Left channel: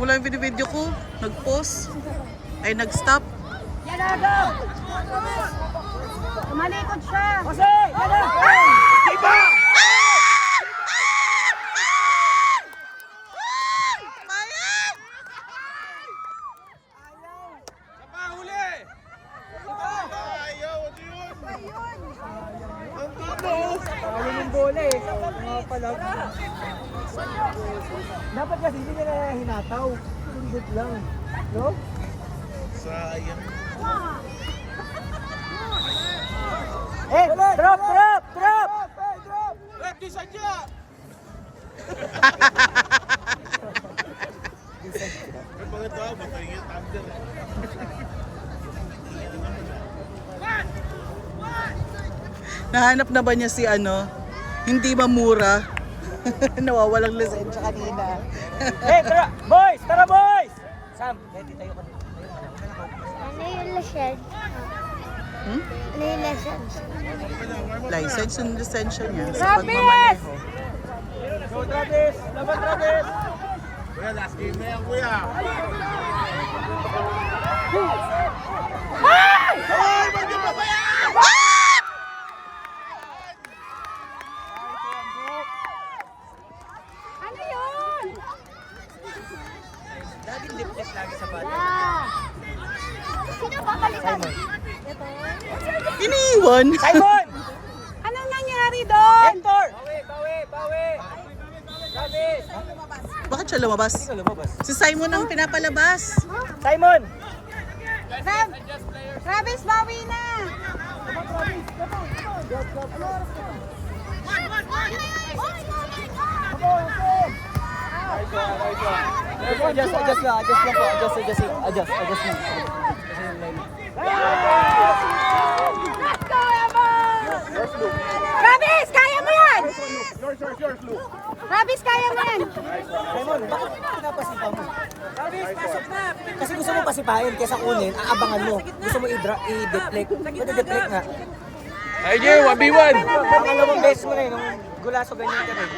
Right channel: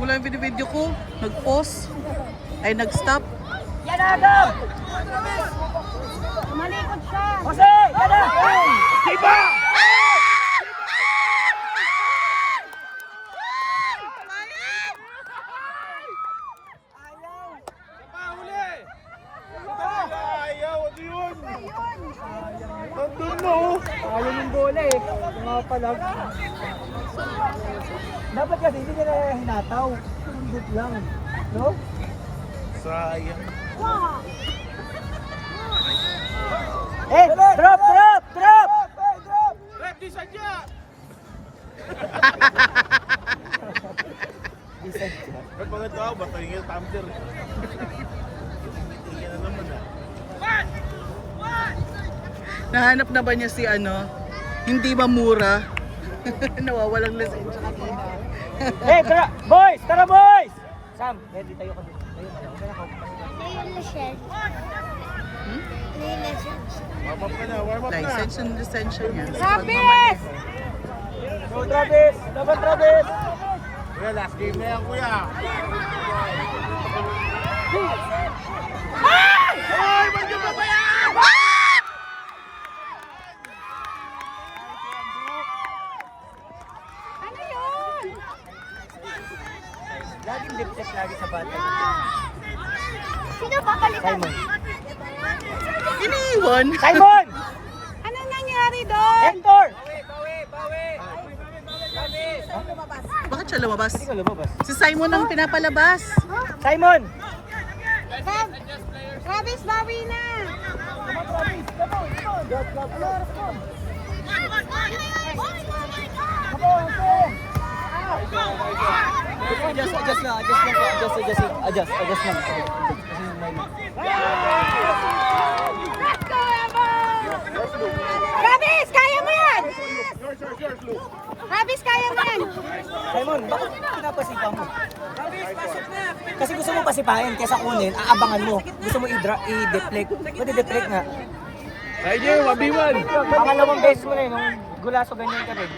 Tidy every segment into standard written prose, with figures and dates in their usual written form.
Wala yung video ko. Nag-pause. Ay, nag-stop. Yan Adam! Malikod siya! Jose! Yan Adam! Diba? Ayaw yung bola eh. Mga palag. Dapat kasi hindi nila hinataw. Sundot lang. No? Sayang. Eh! Drop! Drop! Drop! Rap di sadya! Ba't mga tao? Ba't tayo yung tumbler? Nahanap na ba niya si ano? Hindi ba mura? Nawawalang lisensya kanina. Eh! Boys! Tara boys! Sam! Ready tayo ko. Ano yung license? Hmm? Ano yung license? Warm up ka na, warm up na. License and lisensya niya sa pagmamaneho. Travis! Dapat Travis! Kuya, last game na yan, kuya. Hoy! Ba't yung pa ba yan? Ano yun? Laging lip test lagi sa bata. Sino papalitan? Iniiwan. Simon! Anong nangyari doon? Hector! Bawi! Travis! Bakit siya lumabas? Ikaw lumabas. Si Simon ang pinapalabas. Simon! Travis, bawi na! Adjust lang po. Adjust lang. Travis, kaya mo yan! Travis, kaya mo yan! Simon, bakit pinapasipaw mo? Kasi gusto mo pasipain kaysa kunin, aabangan mo. Gusto mo i-deflect. Pwede deflect nga. Sige, 1v1. Pangalawang beses mo na yung gulaso ganyan ka rin.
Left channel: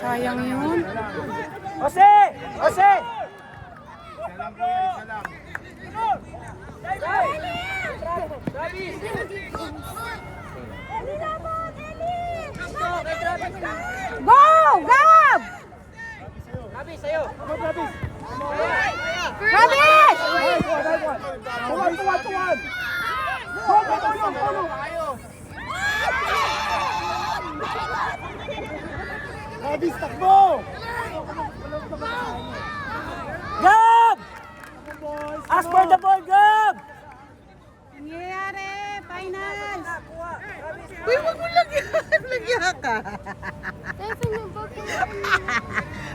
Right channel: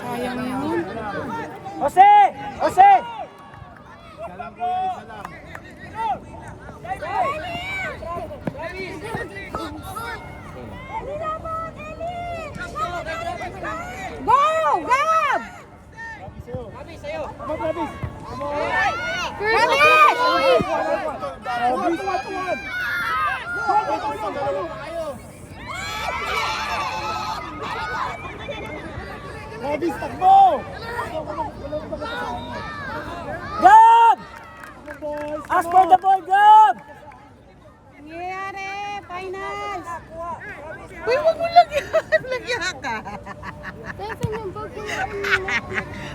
Sayang yun. Jose! Jose! Isa lang, kuya, isa lang. Go! Gab! Abi, sa'yo! Travis! Travis, takbo! Gab! Ask for the ball, Gab! Nangyayari! Finals! Uy, wag mo lagyan. Lagyan ka.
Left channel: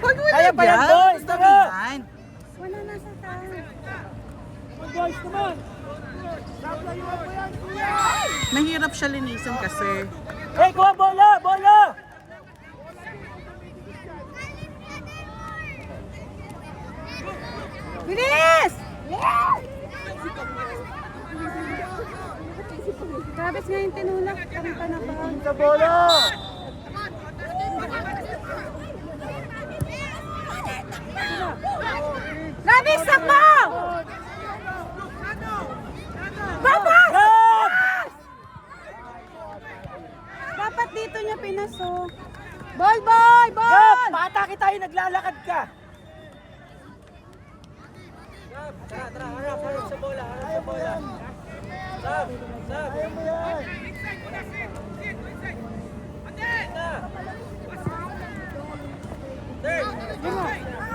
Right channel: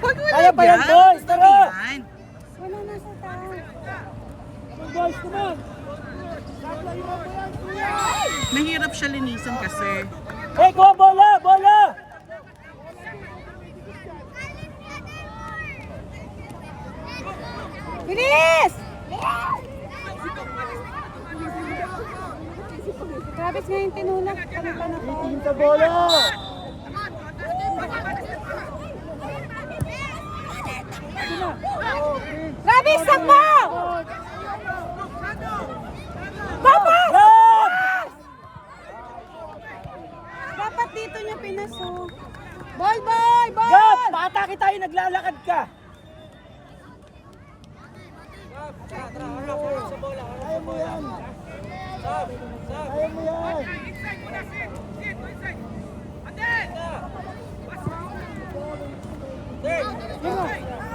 Wag mo Kaya pa yan, lagyan. boys, Gusto tara. yan. Wala na sa taas. Guys, come on! Mahirap siya linisin kasi. Hey, go! Bola! Bola! Bilis! Travis ngayon tinulak. Sa bola! Travis, sakbo! Papa! Gab! Dapat dito niya pinaso. Ball, ball, Gab! ball! Paatake tayo, naglalakad ka! Tara, harap sa bola,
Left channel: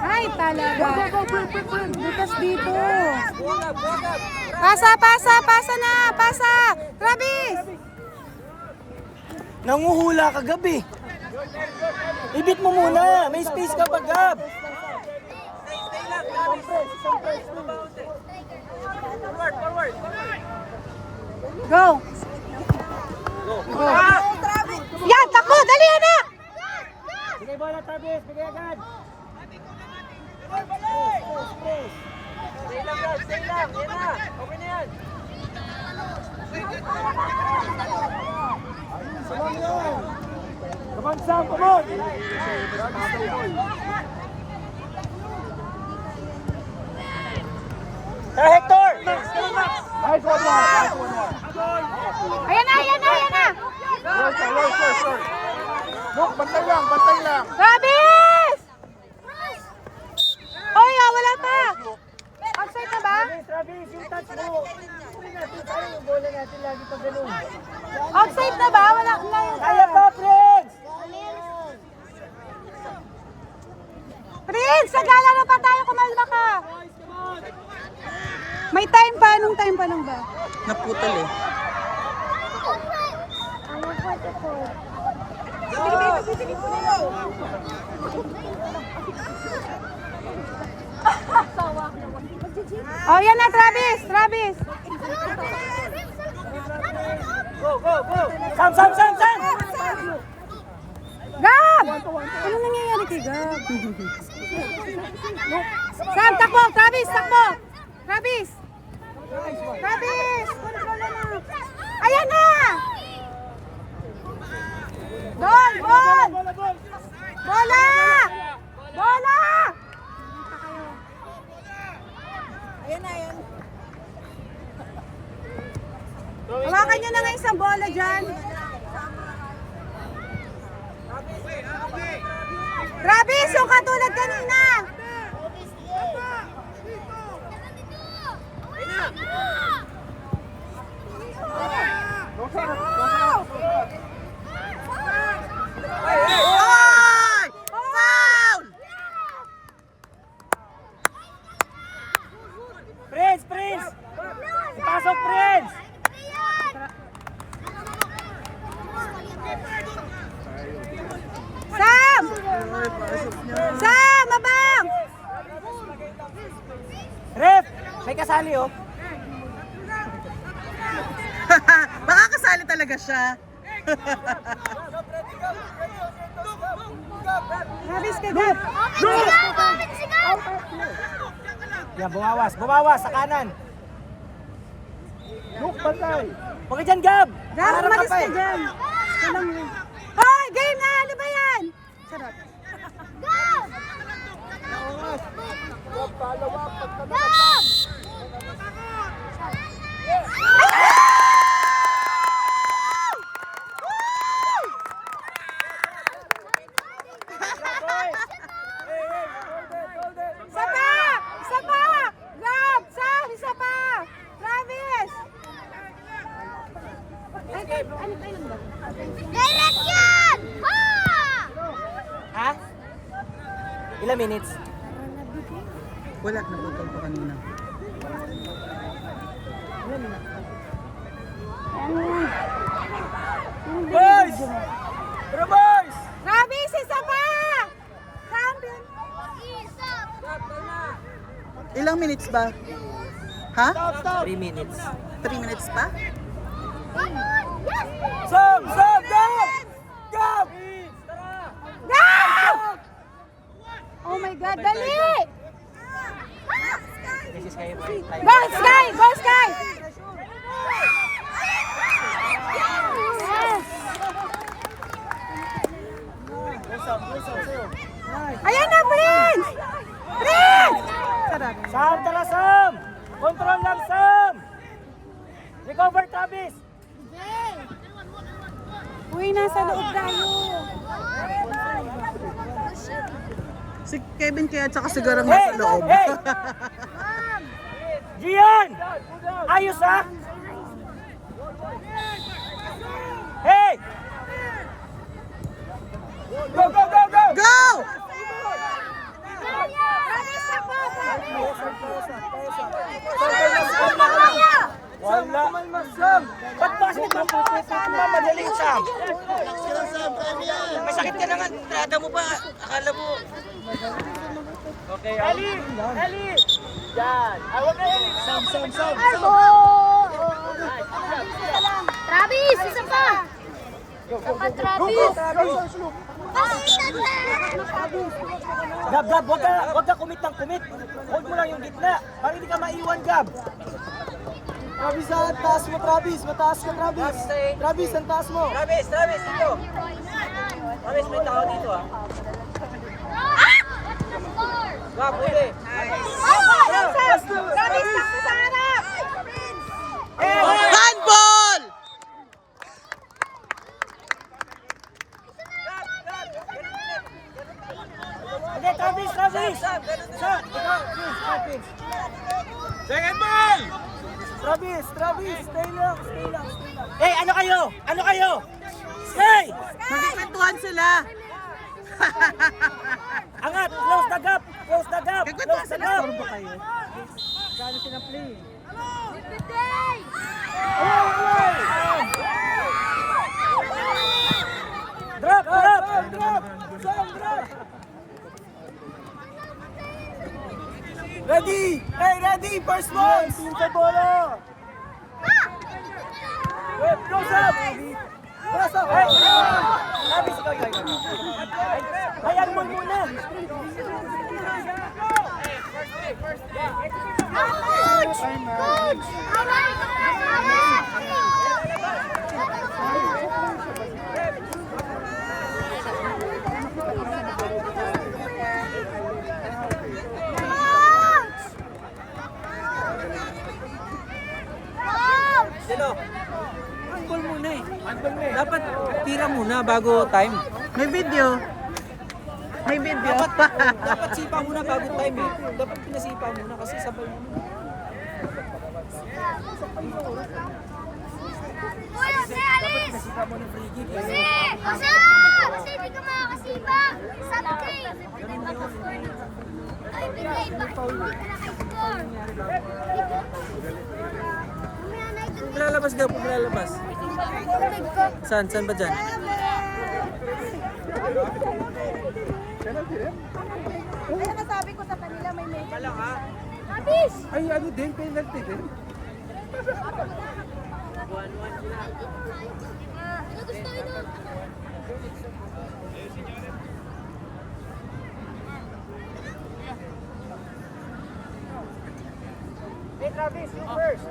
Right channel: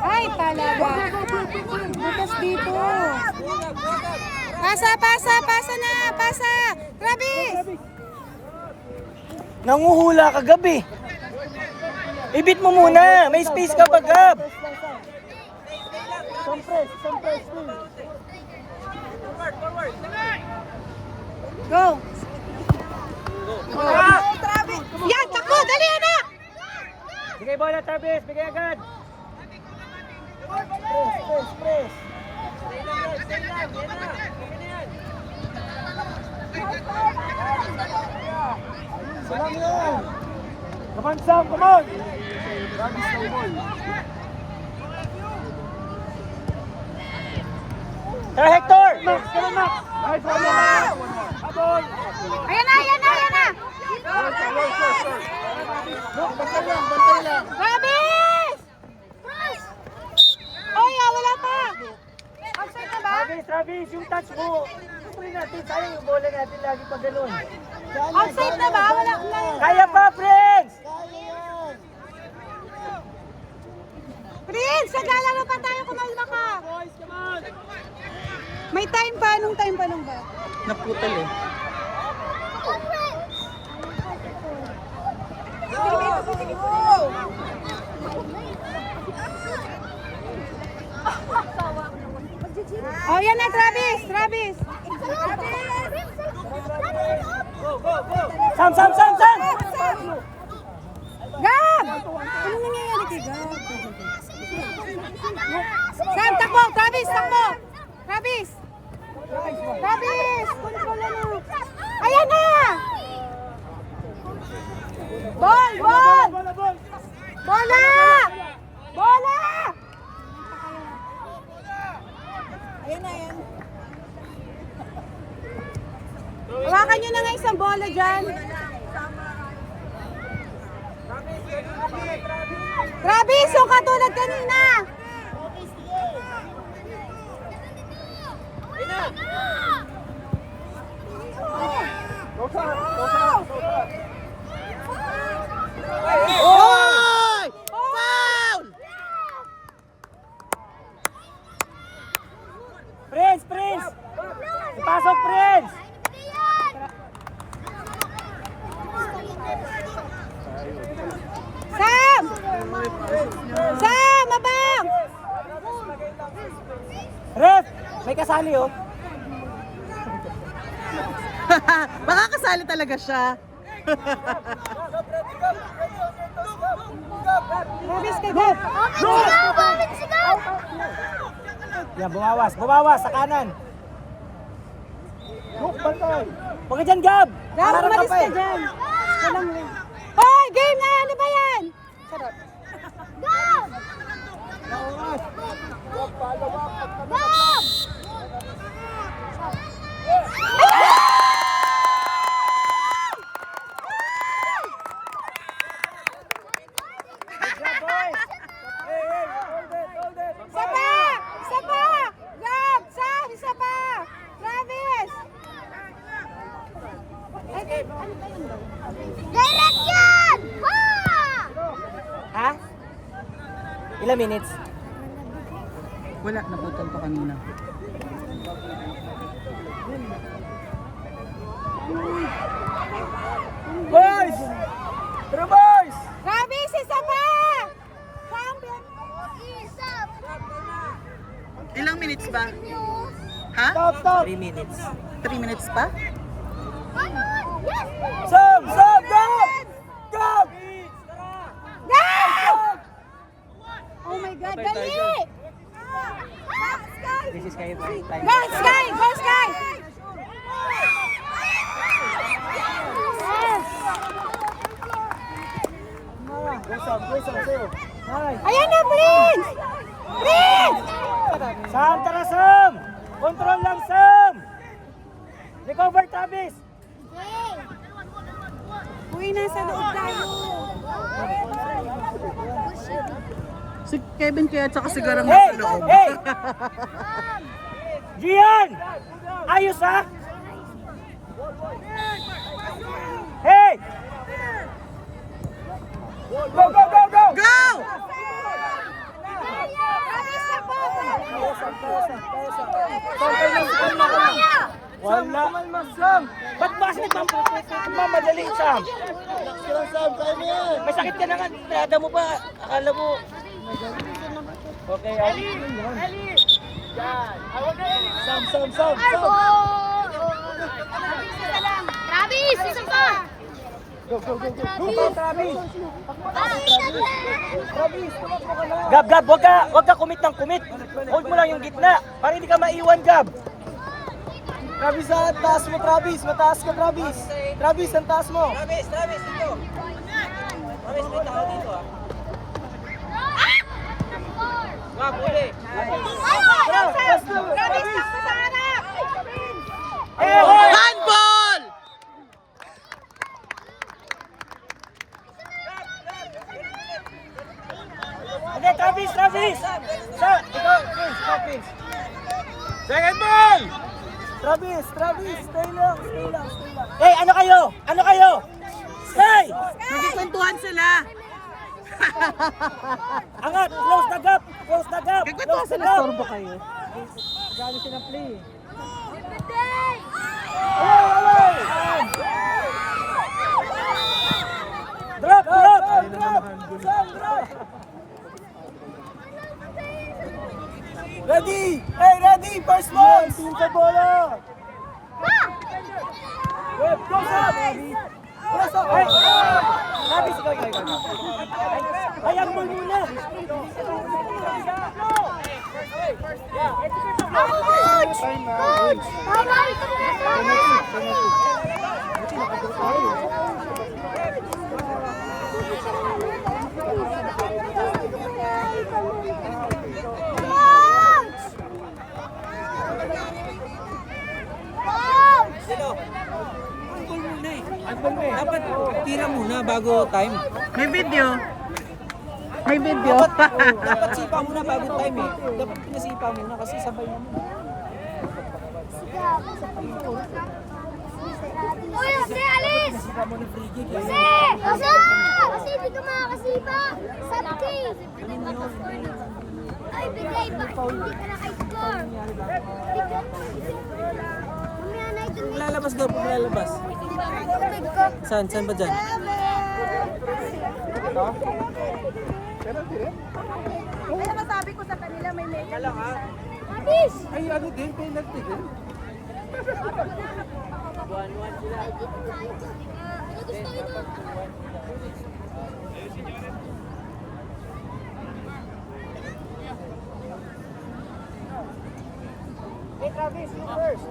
Ay, talaga. Bukas dito. Pasa na, pasa. Travis! Nanguhula ka, Gab eh. Ibit mo muna, may space ka pa, Gab. Go! Yan, takbo! Dali, anak! Bigay bola, Travis, bigay agad. Press. Sam, come on! Tara, Hector! Nice one, Mark. Ayan na, ayan na, ayan na. Sir. Look, bantay lang. Travis! Oy, wala pa. Outside na ba? Travis, yung touch mo. Tukunin natin, sayang yung bola natin lagi pag ganun. Outside na ba? Wala na. Kaya pa, friends! Prince, naglalaro pa tayo, kumalma ka. May time pa, anong time pa lang ba? Naputol eh. Oh, yan na, Travis! Travis! Go! Sam! Gab! Ano nangyayari kay Gab? Sam, takbo! Travis, takbo! Travis! Travis! Ayan na! Ball! Bola! Bola! Ayan na, ayan. Hawakan nyo na nga isang bola dyan. Travis, yung katulad kanina. Oy! Foul! Prince! Ipasok, Prince! Sam! Oy, pasok niya. Sam, abang! Ref! May kasali oh. Baka kasali talaga siya. Travis, kay Gab. Yan, bumawas sa kanan. Huwag ka dyan, Gab! Gab, Harap umalis pa ka eh. dyan. Hoy, game na! Ano ba yan? Isa pa! Isa pa! Gab! Sam! Isa pa! Travis! Ano ba yun ba? Ha? Ilang minutes? Wala, naputol pa kanina. Boys! Tara, boys! Travis! Isa pa! Champion! Ilang minutes ba? Ha? 3 minutes. 3 minutes pa? Sam! Gab! Gab! Gab! Oh my God, dali! This is kayo time. Go, Sky! Go, Sky! Yes! Ayan na, Prince! Prince! Sam, tara, Sam! Control lang, Sam! Recover, Travis! Uy, nasa loob tayo. Si Kevin kaya tsaka sigarang nasa loob. Hey! Gian! Ayos ha? Hey! Go! Go! Wala man mas Sam! Ba't basket mo? Madaling Sam! Relax ka lang, Sam. Kaya mo yan. May sakit ka na nga, trada mo ba? Akala mo. Okay, Ali! Sam. Travis, isa pa! Gab, wag ka commit ng commit. Hold mo lang yung gitna para hindi ka maiwan, Gab. Travis, ang taas mo, Travis. Mataas ka, Travis. Travis, ang taas mo. Travis, dito. Travis, may tao dito, ah. Grab, pwede. Handball! Okay, Travis, Travis. Sa, ikaw, Travis. Second ball. Travis, stay lang. Hey, ano kayo? Stay! Nagkikwentuhan sila. Angat, close the gap. Nagkikwentuhan sila, storbo kayo. Gano'n sila play. Drop. Ready! Hey, ready! First one! Sa bola! Close up! Hey! Travis, ayan, ball muna! Ako, coach! Coach! Bawal! Sino? Unball muna eh. Dapat tira muna bago time. May video. Dapat sipa muna bago time eh. Dapat pinasipa muna kasi sabay naman. Uy, Jose, alis! Jose! Kasi hindi ka makakasipa. Sabkay! Ay, binay, bakit hindi ka naka-score? Lalabas ka po, lalabas. Tubig ko. Saan ba dyan? Ano masabi ko sa kanila may medyo? Abis! Ay, ano din, penalty din. Ano gusto nyo? Hey Travis, you first.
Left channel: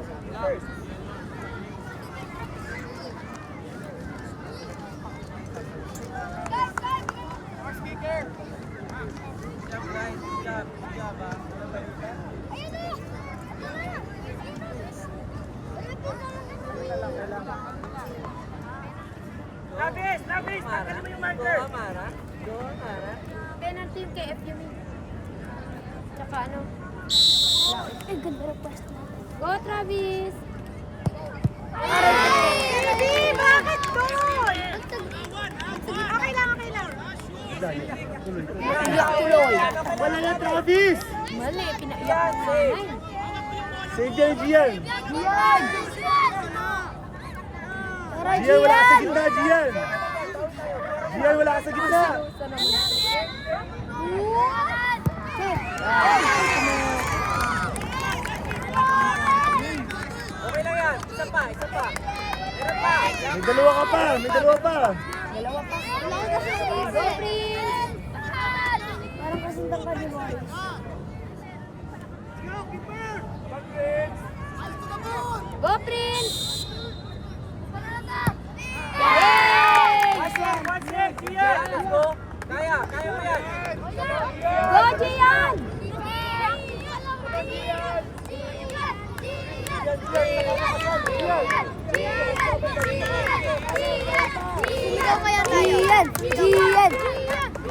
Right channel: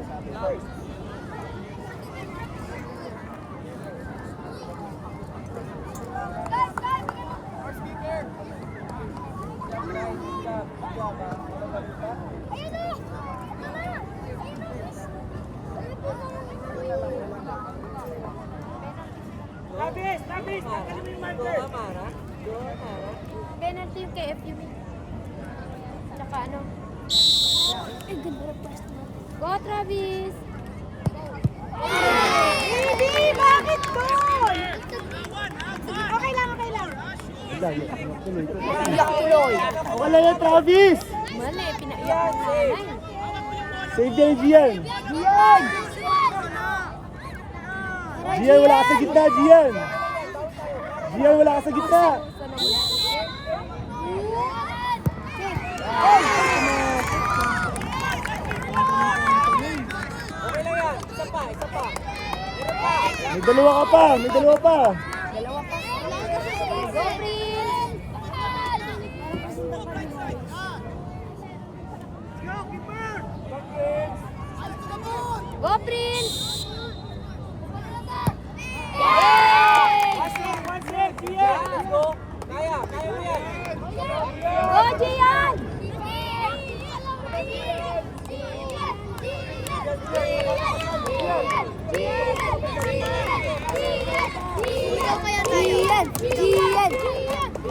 Travis, tanggalin mo yung marker. Penalty yung kay FU. Tsaka ano? Ay, ganda na pwesto. Go, Travis! Hindi! Bakit doon? Okay lang. Wala yan, Travis! Mali, pinaiyak ko na. Save yan, Gian! Gian, wala ka sa gitna, Gian! Gian, wala ka sa gitna! Okay lang yan. Isa pa. Meron pa. May dalawa pa! Go, Prince! Parang kasundan ka di ba? Go, Prince! Let's go. Kaya mo yan. Go, Gian!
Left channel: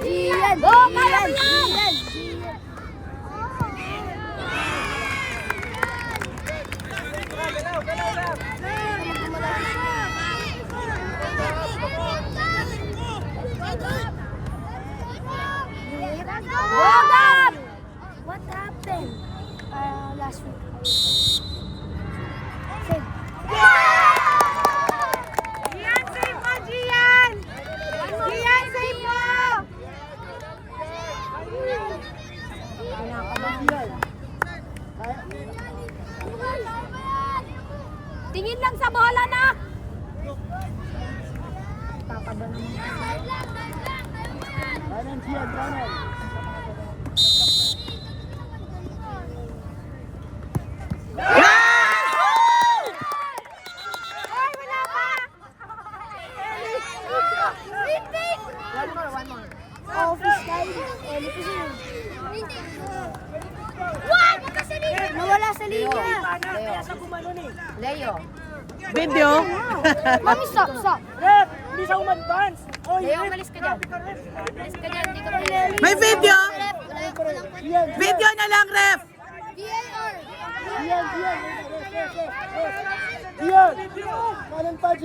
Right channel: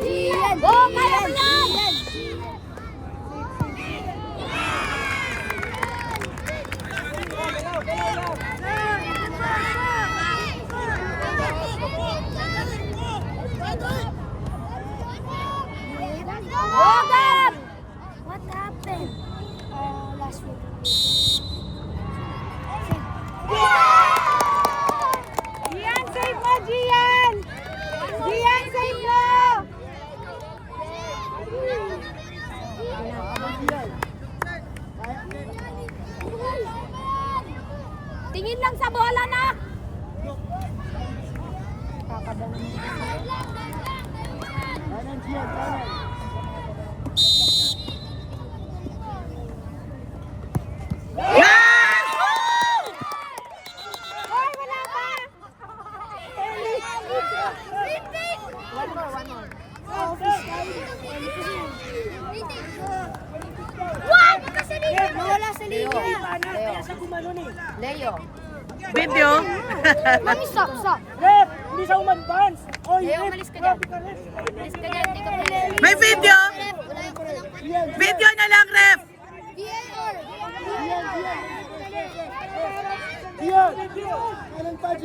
Gian! Go, kaya mo yan! Bogat! What happened? Last week. Gian, save mo, Gian! Gian, save mo! Tingin lang sa bola na! Office tayo. What? Nawala sa linya. Kaya siya gumanon eh. Video. Mami, stop. Ref, hindi siya umadvance. Oh, Leo, umalis ka dyan. Umalis ka dyan. Hindi ka pwede. May video. Video na lang, ref. VAR. Gian! Kanan pa, Gian!